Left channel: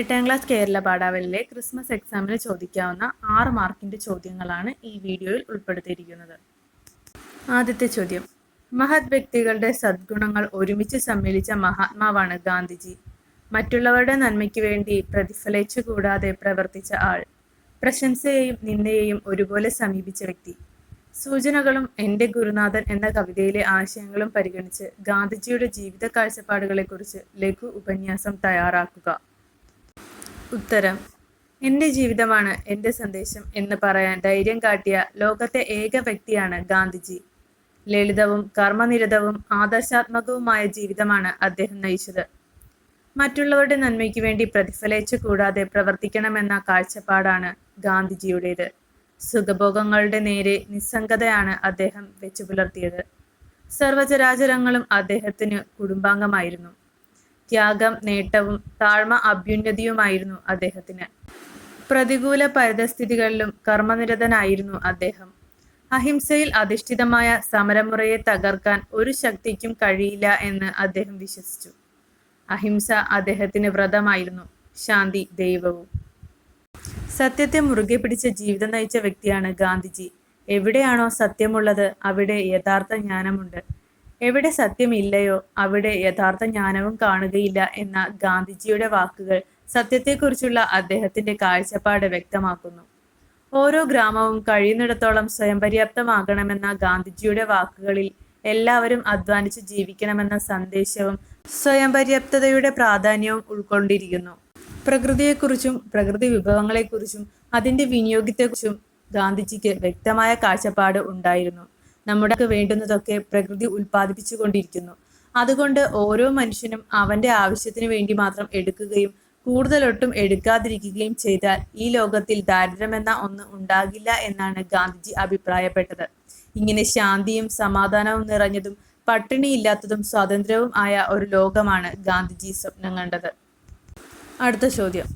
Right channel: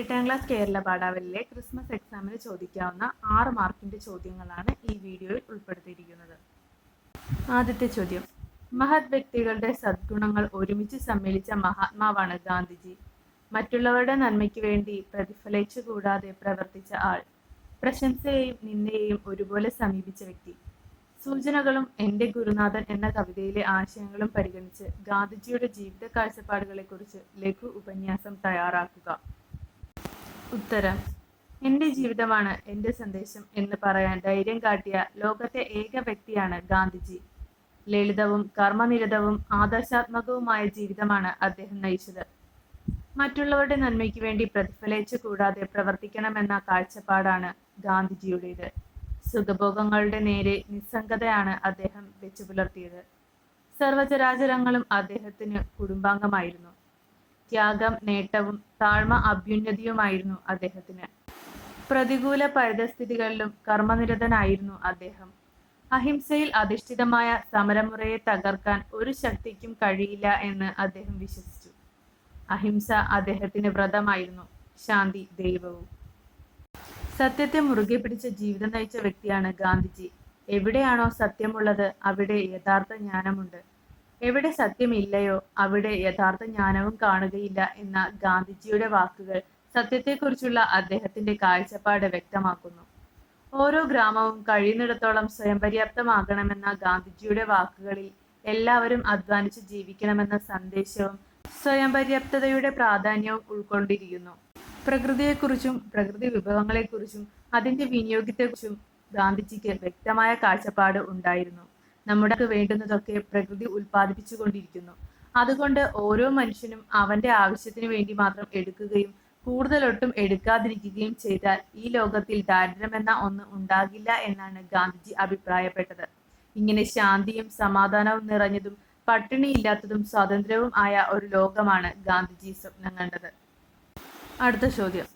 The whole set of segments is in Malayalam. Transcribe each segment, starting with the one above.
എട്ടാം ക്ലാസ് കേരള പാഠാവലിലെ ക്രിസ്മസ് എക്സാമിന് ചോദിക്കാവുന്ന ആറ് മാർക്കിന്റെ ചോദ്യങ്ങളാണ് ഈ വീഡിയോയിൽ ഉൾപ്പെടുത്തിയിരിക്കുന്നത്. ആദ്യത്തെ ചോദ്യം. മഹത് വ്യക്തികളുടെ സദ്ഗുണങ്ങൾ ഒരുമിച്ച് സമ്മേളിച്ച മഹാത്മാവാണ് ഗാന്ധിജി. മറ്റുള്ളവരുടെ നന്മയ്ക്ക് വേണ്ടി പ്രതിഫലിച്ചു കൂടാതെ പ്രവർത്തിച്ച ആൾ പ്രശംസയെയും നിന്ദയെയും ഒരുപോലെ സമീപിച്ച വ്യക്തി. സൂചനകളും എന്റെ ഗുരുനാഥൻ എന്ന കവിതയിലെ ആശയങ്ങളും പരിഗണിച്ച് ഗാന്ധിജിയുടെ ജീവിത കാഴ്ചപ്പാടുകളെക്കുറിച്ച് ലഘു ഉപന്യാസം തയ്യാറാക്കുക. ഉത്തരം. എന്റെ ജീവിതമാണ് എന്റെ സന്ദേശം എന്ന് പറയാൻ ധൈര്യം കാട്ടിയ ലോകത്തെ ഏക വ്യക്തിയാണ് ഗാന്ധിജി. ലളിതവും കർമ്മനിരതവും ആദർശാത്മകവുമായ ജീവിതമാണ് അദ്ദേഹം നയിച്ചത്. മറ്റുള്ളവരുടെ നന്മയ്ക്ക് വേണ്ടി പ്രതിഫലിച്ചു കൂടാതെ പ്രവർത്തിക്കണമെന്ന കാഴ്ചപ്പാടാണ് ഗാന്ധിജിയുടേത്. സുഖഭോഗങ്ങളുടെ നേരെ നിസ്സംഗതയാണ് അദ്ദേഹം വെച്ചു പുലർത്തിയത് സർവചരാചരങ്ങളും അദ്ദേഹത്തിന് കുടുംബാംഗമായിരുന്നു. ത്യാഗം നേട്ടവും താഴ്മ അഭ്യുന്നതിയുമായിരുന്നു അദ്ദേഹത്തിന്. പ്രതികൂല പരിതസ്ഥിതികളിലും കർമ്മനിരതനായിരുന്നു അദ്ദേഹം. അഹിംസയിൽ അധിഷ്ഠിതമായ സമരമുറയെ തകർക്കാൻ ഒരു ശക്തിക്കും കഴിയില്ല എന്ന് അദ്ദേഹം വിശ്വസിച്ചു. അഹിംസ അദ്ദേഹത്തിന് വ്രതമായിരുന്നു. ശാന്തി ദൈവവും. സത്യത്തെ മുറുകെ പിടിച്ച ജീവിതം നയിച്ച വ്യക്തിയാണ് ഗാന്ധിജി. എവിടെയാണോ സത്യമുള്ളത് അവിടെ യഥാർത്ഥ ജ്ഞാനമുണ്ട്. എവിടെ സത്യമില്ലയോ അവിടെ യഥാർത്ഥ ജ്ഞാനവും കാണുകയില്ല എന്ന ഗാന്ധിജിയുടെ വാക്കുകൾ സത്യത്തെക്കുറിച്ചുള്ള അദ്ദേഹത്തിന്റെ കാഴ്ചപ്പാട് വ്യക്തമാക്കുന്നു. ഓരോ ഗ്രാമവും കഴിയുന്നിടത്തോളം സ്വയം പര്യാപ്തമാകണമെന്ന ഗാന്ധിജിയുടെ വാക്കുകളിൽ എല്ലാവരും അധ്വാനിച്ച് ജീവിക്കണമെന്ന സന്ദേശവും സ്വയം പര്യാപ്തതയുടെ പ്രാധാന്യവും ഉൾക്കൊണ്ടിരിക്കുന്നു. പ്രകൃതിയെക്കുറിച്ചും പ്രകൃതി വിഭവങ്ങളെക്കുറിച്ചും അതിന്റെ വിനിയോഗത്തെക്കുറിച്ചും ഗാന്ധിജിക്ക് വ്യക്തമായ കാഴ്ചപ്പാട് ഉണ്ടായിരുന്നു. നമ്മുടെ വേണ്ടുന്നതൊക്കെ പ്രകൃതി ഉൽപ്പാദിപ്പിച്ചു കൊണ്ടിരിക്കുന്നു. അതുകൊണ്ട് ഓരോ മനുഷ്യനും അവന്റെ ആവശ്യത്തിന് വേണ്ടി മാത്രം എടുക്കുകയും കൂടുതലൊട്ടും എടുക്കാതിരിക്കുകയും ചെയ്താൽ ഈ ലോകത്തിൽ ദാരിദ്ര്യമെന്ന ഒന്ന് ഉണ്ടാകില്ല എന്നാണ് ഗാന്ധിജി അഭിപ്രായപ്പെട്ടത്. ഇങ്ങനെ ശാന്തിയും സമാധാനവും നിറഞ്ഞതും പട്ടിണിയില്ലാത്തതും സ്വാതന്ത്ര്യവും ആയ ഒരു ലോകമാണ് ഗാന്ധിജി സ്വപ്നം കണ്ടത്. അടുത്ത ചോദ്യം.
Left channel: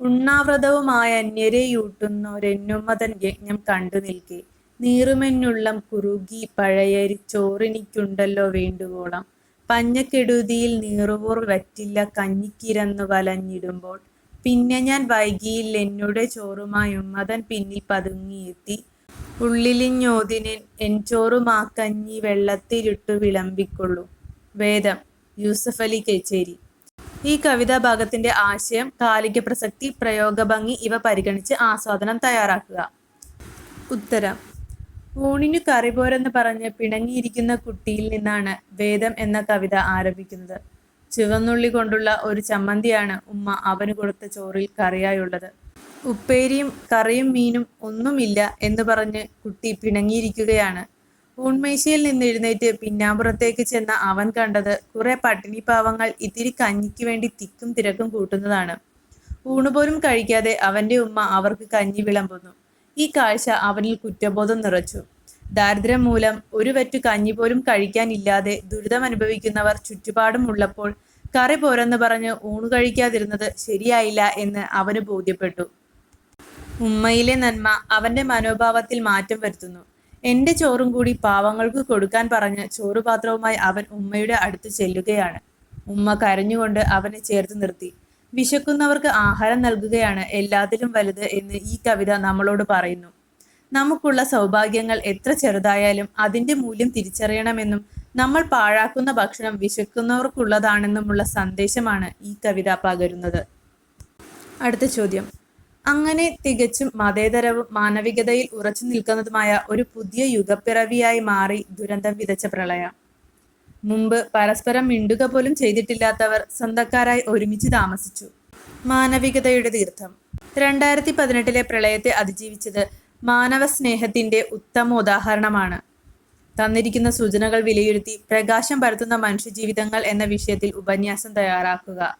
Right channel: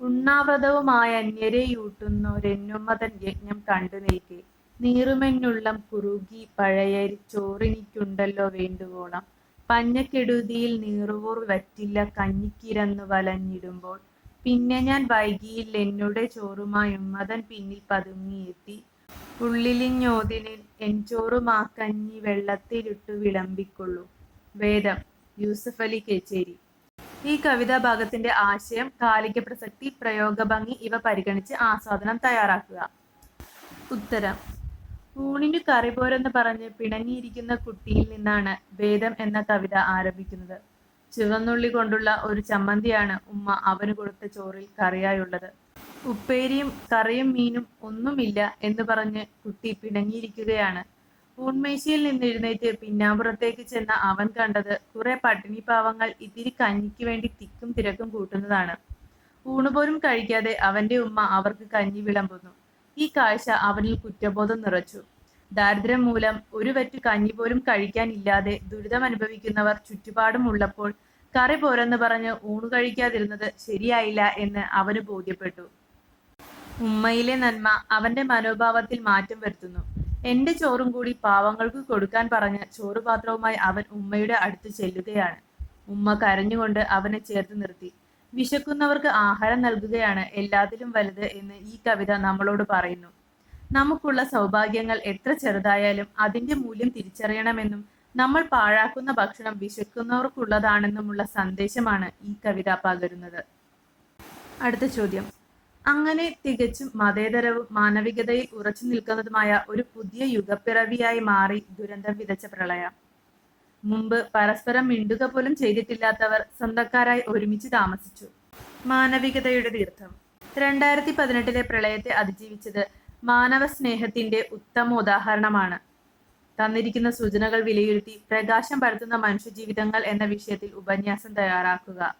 ഉണ്ണാവ്രതവുമായ അന്യരെയൂട്ടുന്നൊരെന്നുമതൻ യജ്ഞം കണ്ടു നിൽക്കെ. നീറുമെന്നുള്ളം കുറുകി പഴയരി ചോറിനിക്കുണ്ടല്ലോ വേണ്ടുവോളം. പഞ്ഞക്കെടുതിയിൽ നീറുവൂർ വറ്റില്ല കഞ്ഞിക്കിരന്നു വലഞ്ഞിടുമ്പോൾ. പിന്നെ ഞാൻ വൈകിയിൽ എന്നോട് ചോറുമായി ഉമ്മതൻ പിന്നിൽ പതുങ്ങിയെത്തി ഉള്ളിലിഞ്ഞോതിനെ എൻ ചോറുമാക്കഞ്ഞി വെള്ളത്തിലിട്ടു വിളമ്പിക്കൊള്ളു. വേദം യൂസഫ് അലി കേച്ചേരി. ഈ കവിതാ ഭാഗത്തിന്റെ ആശയം കാലിക പ്രസക്തി പ്രയോഗഭംഗി ഇവ പരിഗണിച്ച് ആസ്വാദനം തയ്യാറാക്കുക. ഉത്തരം ഊണിനു കറിപോരെന്ന് പറഞ്ഞ് പിണങ്ങിയിരിക്കുന്ന കുട്ടിയിൽ നിന്നാണ് വേദം എന്ന കവിത ആരംഭിക്കുന്നത്. ചുവന്നുള്ളി കൊണ്ടുള്ള ഒരു ചമ്മന്തിയാണ് ഉമ്മ അവന് കൊടുത്ത ചോറിൽ കറിയായുള്ളത്. ഉപ്പേരിയും കറിയും മീനും ഒന്നുമില്ല എന്ന് പറഞ്ഞ് കുട്ടി പിണങ്ങിയിരിക്കുകയാണ്. ഊൺമേശയിൽ നിന്ന് എഴുന്നേറ്റ് പിന്നാമ്പുറത്തേക്ക് ചെന്ന അവൻ കണ്ടത് കുറെ പട്ടിണി പാവങ്ങൾ ഇത്തിരി കഞ്ഞിക്ക് വേണ്ടി തിക്കും തിരക്കും കൂട്ടുന്നതാണ്. ഊണുപോലും കഴിക്കാതെ അവന്റെ ഉമ്മ അവർക്ക് കഞ്ഞി വിളമ്പുന്നു. ഈ കാഴ്ച അവനിൽ കുറ്റബോധം നിറച്ചു. ദാരിദ്ര്യം മൂലം ഒരു വറ്റു കഞ്ഞി പോലും കഴിക്കാനില്ലാതെ ദുരിതം അനുഭവിക്കുന്നവർ ചുറ്റുപാടും ഉള്ളപ്പോൾ കറി പോരെന്ന് പറഞ്ഞ് ഊണ് കഴിക്കാതിരുന്നത് ശരിയായില്ല എന്ന് അവന് ബോധ്യപ്പെട്ടു. ഉമ്മയിലെ നന്മ അവന്റെ മനോഭാവത്തിൽ മാറ്റം വരുത്തുന്നു. എന്റെ ചോറും കൂടി പാവങ്ങൾക്ക് കൊടുക്കാൻ പറഞ്ഞ് ചോറുപാത്രവുമായി അവൻ ഉമ്മയുടെ അടുത്ത് ചെല്ലുകയാണ്. ഉമ്മ കരഞ്ഞുകൊണ്ട് അവനെ ചേർത്ത് നിർത്തി. വിശക്കുന്നവർക്ക് ആഹാരം നൽകുകയാണ് എല്ലാത്തിലും വലുത് എന്ന് ഈ കവിത നമ്മളോട് പറയുന്നു. നമുക്കുള്ള സൗഭാഗ്യങ്ങൾ എത്ര ചെറുതായാലും അതിന്റെ മൂല്യം തിരിച്ചറിയണമെന്നും നമ്മൾ പാഴാക്കുന്ന ഭക്ഷണം വിശക്കുന്നവർക്കുള്ളതാണെന്നുമുള്ള സന്ദേശമാണ് ഈ കവിത പകരുന്നത്. അടുത്ത ചോദ്യം. അങ്ങനെ തികച്ചും മതേതരവും മാനവികതയിൽ ഉറച്ചു നിൽക്കുന്നതുമായ ഒരു പുതിയ യുഗപ്പിറവിയായി മാറി ദുരന്തം വിതച്ച പ്രളയം. മുമ്പ് പരസ്പരം മിണ്ടുക പോലും ചെയ്തിട്ടില്ലാത്തവർ സ്വന്തക്കാരായി ഒരുമിച്ച് താമസിച്ചു. മാനവികതയുടെ തീർത്ഥം. രണ്ടായിരത്തി പതിനെട്ടിലെ പ്രളയത്തെ അതിജീവിച്ചത് മാനവ സ്നേഹത്തിന്റെ ഉത്തമ ഉദാഹരണമാണ് തന്നിരിക്കുന്ന സൂചനകൾ വിലയിരുത്തി പ്രകാശം പരത്തുന്ന മനുഷ്യജീവിതങ്ങൾ എന്ന വിഷയത്തിൽ ഉപന്യാസം തയ്യാറാക്കുക.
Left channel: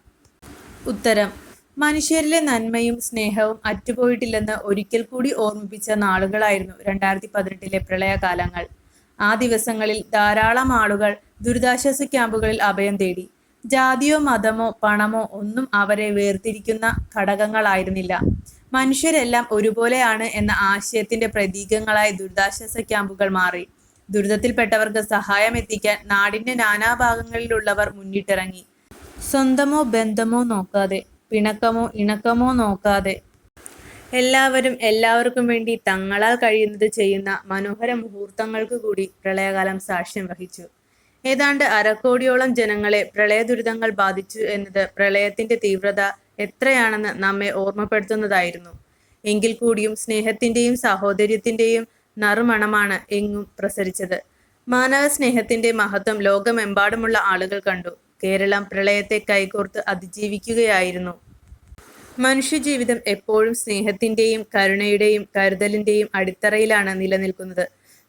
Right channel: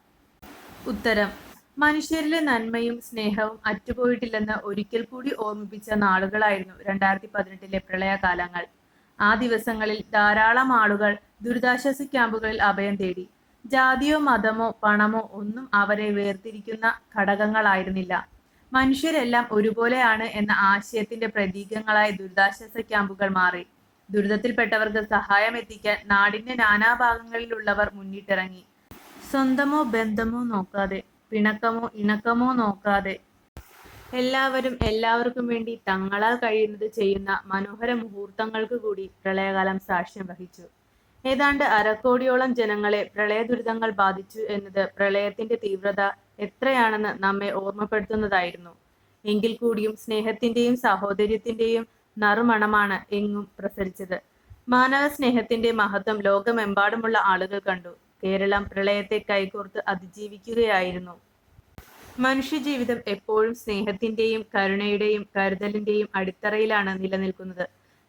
ഉത്തരം. മനുഷ്യരിലെ നന്മയും സ്നേഹവും അറ്റുപോയിട്ടില്ലെന്ന് ഒരിക്കൽ കൂടി ഓർമ്മിപ്പിച്ച നാളുകളായിരുന്നു രണ്ടായിരത്തി പതിനെട്ടിലെ പ്രളയകാലങ്ങൾ. ആ ദിവസങ്ങളിൽ ധാരാളം ആളുകൾ ദുരിതാശ്വാസ ക്യാമ്പുകളിൽ അഭയം തേടി. ജാതിയോ മതമോ പണമോ ഒന്നും അവരെ വേർതിരിക്കുന്ന ഘടകങ്ങളായിരുന്നില്ല. മനുഷ്യരെല്ലാം ഒരുപോലെയാണ് എന്ന ആശയത്തിന്റെ പ്രതീകങ്ങളായി ദുരിതാശ്വാസ ക്യാമ്പുകൾ മാറി. ദുരിതത്തിൽപ്പെട്ടവർക്ക് സഹായം എത്തിക്കാൻ നാടിന്റെ നാനാഭാഗങ്ങളിലുള്ളവർ മുന്നിട്ടിറങ്ങി. സ്വന്തമോ ബന്ധമോ നോക്കാതെ പിണക്കമോ ഇണക്കമോ നോക്കാതെ. എല്ലാവരും എല്ലാവർക്കും വേണ്ടി തങ്ങളാൽ കഴിയുന്നത് ചെയ്യുന്ന മനോഹര മുഹൂർത്തങ്ങൾക്ക് കൂടി പ്രളയകാലം സാക്ഷ്യം വഹിച്ചു. ഏതാണ്ട് അരക്കോടിയോളം ജനങ്ങളെ പ്രളയ ദുരിതങ്ങൾ ബാധിച്ചു എന്നത് പ്രളയത്തിന്റെ തീവ്രത എത്രയാണെന്ന് നമ്മെ ഓർമ്മപ്പെടുത്തുന്നതായിരുന്നു. എങ്കിൽ കൂടിയും സ്നേഹത്തിന്റെയും സഹോദര്യത്തിന്റെയും നറുമണമാണ് എങ്ങും പ്രസരിച്ചത്. മാനവ സ്നേഹത്തിന്റെ മഹത്വം ലോകമെമ്പാടുമുള്ള ആളുകൾ കണ്ടു. കേരളം പ്രളയത്തെ കൈകോർത്ത് അതിജീവിക്കുകയായിരുന്നു. മനുഷ്യജീവിതം എപ്പോഴും സ്നേഹത്തിന്റെയും കരുണയുടെയും കരുതലിന്റെയും അടിത്തറയിലാണ് നിലനിൽക്കുന്നത്.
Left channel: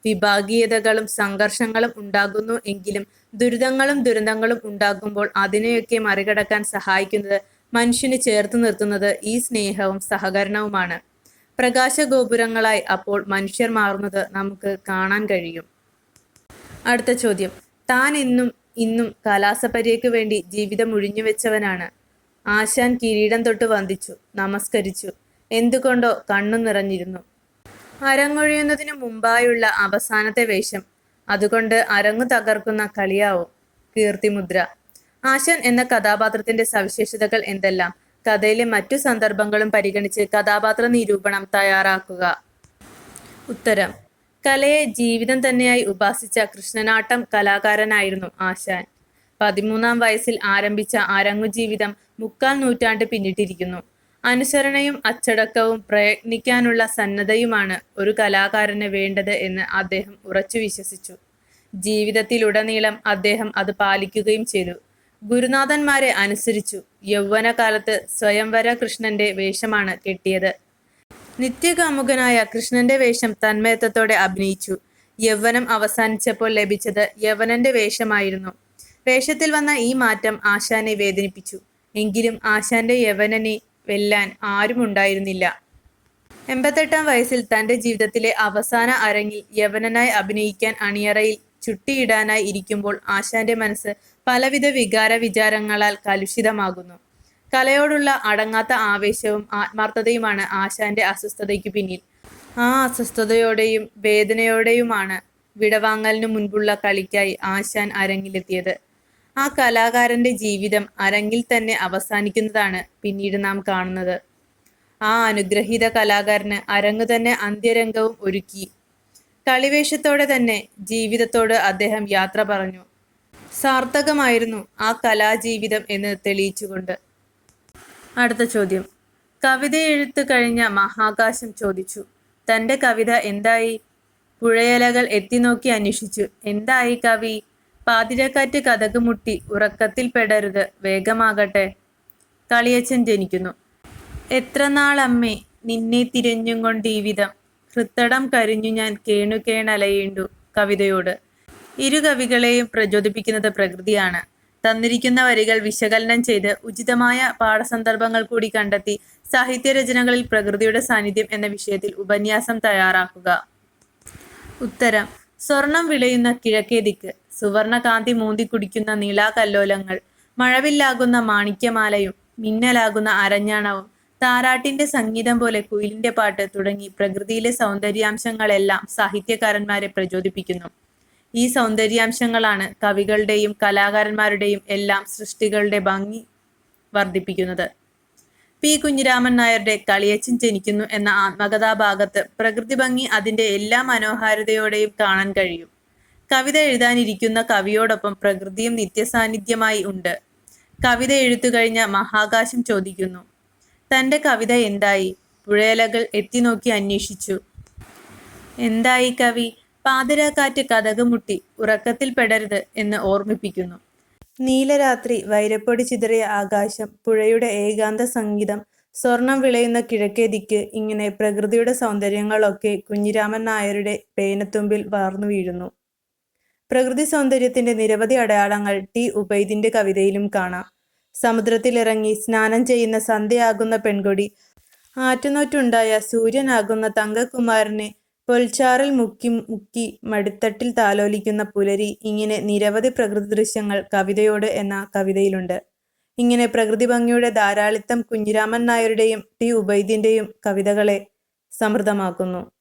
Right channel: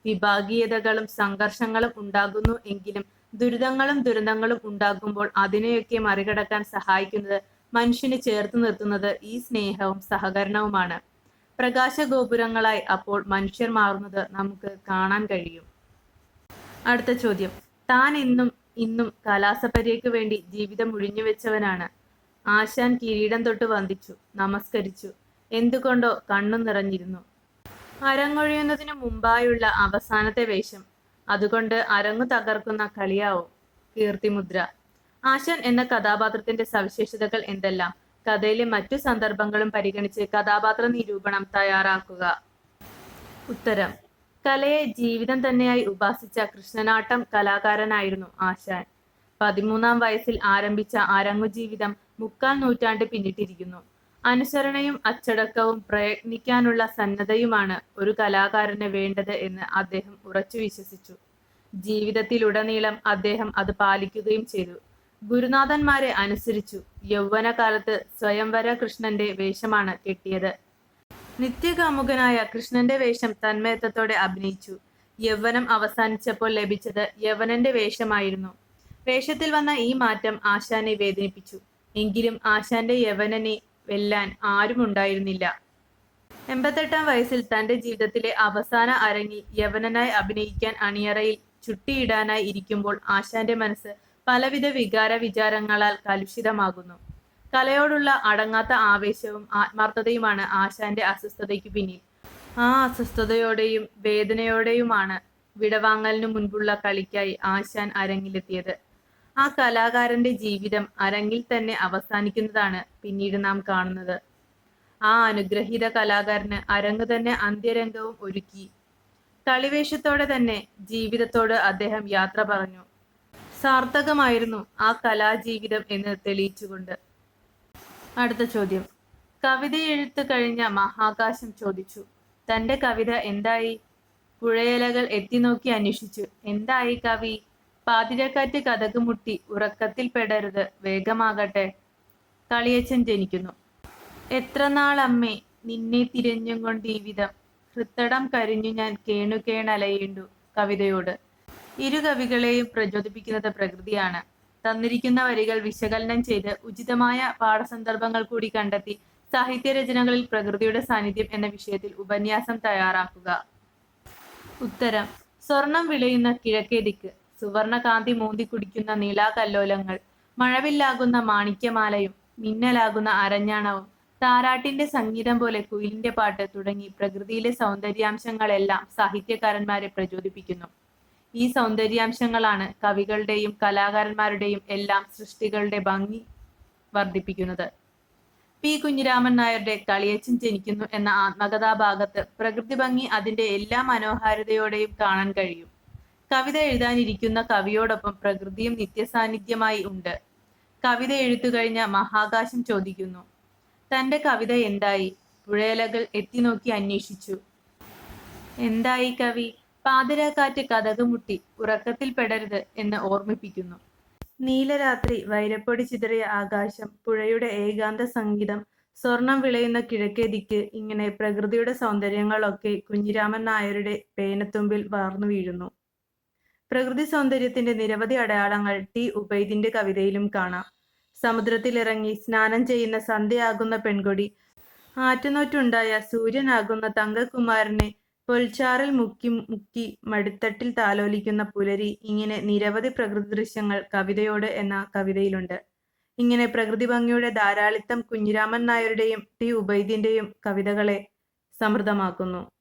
വിഭാഗീയതകളും സംഘർഷങ്ങളും ഉണ്ടാകുന്നു എങ്കിലും ദുരിതങ്ങളും ദുരന്തങ്ങളും ഉണ്ടാകുമ്പോൾ അതിനെയൊക്കെ മറികടക്കാൻ സഹായിക്കുന്നത് മനുഷ്യനെ ചേർത്ത് നിർത്തുന്നത് ഈ സ്നേഹവും സഹകരണവുമാണ്. പ്രകാശ ഗോപുരങ്ങളായി അപ്പോൾ മനുഷ്യർ മാറുന്നത് നമുക്ക് കാണാൻ കഴിയും. അടുത്ത ചോദ്യം. താൻ ഇന്നും ഇന്നും കലാസപര്യയ്ക്ക് വേണ്ടി ജീവിതം ഒഴിഞ്ഞുവെച്ചവനാണ് ആശാൻ കിരീടം തൊട്ട് വന്ദിച്ചു നമസ്കരിച്ചു. എന്തുകൊണ്ടോ കണ്ണു നിറഞ്ഞിരുന്നു അരങ്ങൊഴിയുന്നതിന് മുമ്പായുള്ള അവസാനത്തെ വേഷം. അതുകൊണ്ട് അരങ്ങു തകർക്കുന്ന കളിയാവും. കീർത്തിമുദ്ര. ആശൻ എന്ന കഥാപാത്രത്തിന്റെ സവിശേഷതകൾ എന്തെല്ലാം? കഥയിലെ മറ്റു സന്ദർഭങ്ങളും പരിഗണിച്ച് കഥാപാത്ര നിരൂപണം തയ്യാറാക്കുക. ഉത്തരം. കലയെ ജീവിതം തന്നെയായി ഉപാസിച്ച കൃഷ്ണനാട്ടം കലാകാരനായിരുന്നു ആശാൻ. പതിമൂന്നാം വയസ്സിൽ ആരംഭിച്ച അരങ്ങു ജീവിതം മുക്കാൽ നൂറ്റാണ്ട് പിന്നിട്ടിരിക്കുന്നു. അനുസരണയും അച്ചടക്കവും പ്രയത്നിക്കാനുള്ള സന്നദ്ധയുമാണ് ഒരു കലാകാരന് വേണ്ടത് എന്ന് അദ്ദേഹം ഉറച്ചു വിശ്വസിച്ചു. ജീവിതത്തിലുടനീളം അദ്ദേഹം അത് പാലിക്കുകയും ചെയ്തു. ഗുരുനാഥന്മാരെ അനുസരിച്ചു യൗവനകാലത്ത് സ്വയംവര കൃഷ്ണന്റെ വേഷമാണ് കെട്ടിയത്. നിത്യകാമുകനായ കൃഷ്ണന്റെ വേഷം തന്മയത്വത്തോടെ അഭിനയിച്ചു. യൗവനം അവസാനിച്ചപ്പോൾ ലഭിച്ചത് യവനന്റെ വേഷമായിരുന്നു. വേഷത്തിൽ വന്ന ഈ മാറ്റം ആശാനെ വേദനിപ്പിച്ചു. എങ്കിലും ആശാന്റെ യവനനെ വെല്ലാൻ ആരുമുണ്ടായിരുന്നില്ല എൺപത്തെട്ടാം വയസ്സിൽ തന്റെ ജീവിതത്തിലെ അവസാന അരങ്ങിൽ യവനനായി അഭിനയിക്കാൻ അണിയറയിൽ ചുട്ടിയിടാനായി ഇരിക്കുമ്പോൾ ആശാന്റെ മനസ്സ് പലവിധ വികാര വിചാരങ്ങളാൽ കലുഷിതമാകുന്നു. കലയോടുള്ള അടങ്ങാത്ത ആവേശവും ആത്മാർത്ഥതയുമാണ് ആശാന്റെ അസ്വസ്ഥതയ്ക്ക് പിന്നിൽ. ആ അസ്വസ്ഥതയോടെയും വേദനയോടെയുമാണ് വിടവാങ്ങലിനു മുൻപുള്ള കളിക്കായി ആശാൻ അരങ്ങിലെത്തിയത്. ആ കലാകാരന്റെ ജീവിതം അരങ്ങിൽ തന്നെ അവസാനിക്കുന്നതാണ് പിന്നീട് നാം കാണുന്നത്. ആ അനുഗ്രഹീത കലാകാരന് അരങ്ങ് തന്നെ അന്ത്യരംഗവും ഒരുക്കി. കളിവേഷത്തോടെ തന്നെ ജീവിതത്തോട് അദ്ദേഹം യാത്ര പറഞ്ഞു. സാർത്ഥകമായിരുന്നു ആ കലാജീവിതം എന്ന് തെളിയിച്ചുകൊണ്ട്. അടുത്ത ചോദ്യം. കവിത എഴുത്ത് കഴിഞ്ഞ മഹാകാശം ചോദിച്ചു. തന്റെ കവിത എന്തായി? പുഴയലകൾ എത്തി നോക്കി അന്വേഷിച്ചു. എന്തായി കവി? പാതിരക്കാറ്റ് കഥക് മുട്ടി ഉറക്കത്തിൽ പെടരുത്. വേഗമാകട്ടെ. കളിയച്ഛൻ ജനിക്കുന്നു. എത്ര നാളമ്മേ നിന്നെ തിരഞ്ഞും കൊണ്ട് വിധം ഹൃത്തടം കരിഞ്ഞു ഞാൻ കേണുകേണലയേണ്ടു കവിതയോട്. ഇരു കവികളെയും പ്രചോദിപ്പിക്കുന്നത് പ്രകൃതിയാണ്. തന്നിരിക്കുന്ന വരികൾ വിശകലനം ചെയ്ത് ഉചിതമായ പാഠസന്ദർഭങ്ങൾ കൂടി കണ്ടെത്തി സാഹിത്യരചനകളിൽ പ്രകൃതിയുടെ സാന്നിധ്യം എന്ന വിഷയത്തിൽ ഉപന്യാസം തയ്യാറാക്കുക. ഉത്തരം. സ്വർണം വിളയുന്ന കിഴക്കേ ദിക്ക് സുവർണകാന്തി മൂന്തി കുടിക്കുന്ന നീലാകല്ലോലങ്ങൾ മഴവില്ലാകുന്ന മാണിക്യമാലയും മിന്നലാകുന്ന അരഞ്ഞാണവും താരാട്ടിന്റെ സംഗീതം പോലെ കുയിലിന്റെ പാട്ട് തുടങ്ങി പ്രകൃതിയിലെ സൗന്ദര്യാംശങ്ങളെല്ലാം സാഹിത്യകാരന്മാരെ പ്രചോദിപ്പിക്കുന്നു. ഈ സൗന്ദര്യാംശങ്ങളാണ് കവികളുടെയും കലാകാരന്മാരുടെയും എല്ലാം സൃഷ്ടികളുടെ ഭംഗി വർദ്ധിപ്പിക്കുന്നത്. പി. കുഞ്ഞിരാമൻ നായരുടെ കളിയച്ചൻ ജനിക്കുന്നു എന്ന ആത്മകഥാഭാഗത്ത് പ്രകൃതി ഭംഗി അതിന്റെ എല്ലാ മനോഹാരിതയോടെയും കാണാൻ കഴിയും. കവിത എഴുതാനിരിക്കുന്ന കവിയോടൊപ്പം പ്രകൃതിയും നിത്യസാന്നിധ്യമായി ഉണ്ട്. കവിത എഴുത്തു കഴിഞ്ഞ മഹാകാശം ചോദിക്കുന്നു. തന്റെ കവിത എന്തായി? പുഴയലകൾ എത്തിനോക്കി അന്വേഷിച്ചു. എന്തായി കവി? പാതിരാക്കാറ്റ് കഥകുമുട്ടി ഉറക്കത്തിൽ പെടരുത് എന്ന് ഓർമ്മിപ്പിക്കുന്നു. നീലരാത്രി വൈരപ്പൊടി ചിതറിയ ആകാശം പുഴയുടെ ഏകാന്ത സംഗീതം സ്വർണം വിളയുന്ന കിഴക്കേ ദിക്ക് ഇങ്ങനെ പ്രകൃതിയുടെ സൗന്ദര്യങ്ങളൊക്കെ കുഞ്ഞിരാമൻ നായരുടെ പേനത്തുമ്പിൽ വാർന്നു വീഴുന്നു. പ്രകൃതി സൗന്ദര്യത്തിന്റെ നിരവധി അടയാളങ്ങൾ ടി ഉബൈദിന്റെ കവിതയിലും കാണാം. സമുദ്രത്തിലിറങ്ങി സ്നാനം ചെയ്യുന്ന സന്ധ്യയാകുന്ന പെൺകൊടി ആറ്റുനോറ്റുണ്ടായ സൂര്യനാകുന്ന തങ്കകുമാരനെ പൊൽച്ചാറിൽ മുക്കി മുക്കി മടിത്തട്ടിൽ താലോലിക്കുന്ന പുലരി ഇങ്ങനെ നിരവധി പ്രകൃതി ദൃശ്യങ്ങൾ കവിതയോട് എന്ന കവിതയിലുണ്ട്. ഇങ്ങനെ പ്രകൃതി ഭംഗിയുടെ ധാരാളിത്തം കുഞ്ഞിരാമൻ നായരുടെയും ടി ഉബൈദിന്റെയും കവിതകളെ സമൃദ്ധമാക്കുന്നു.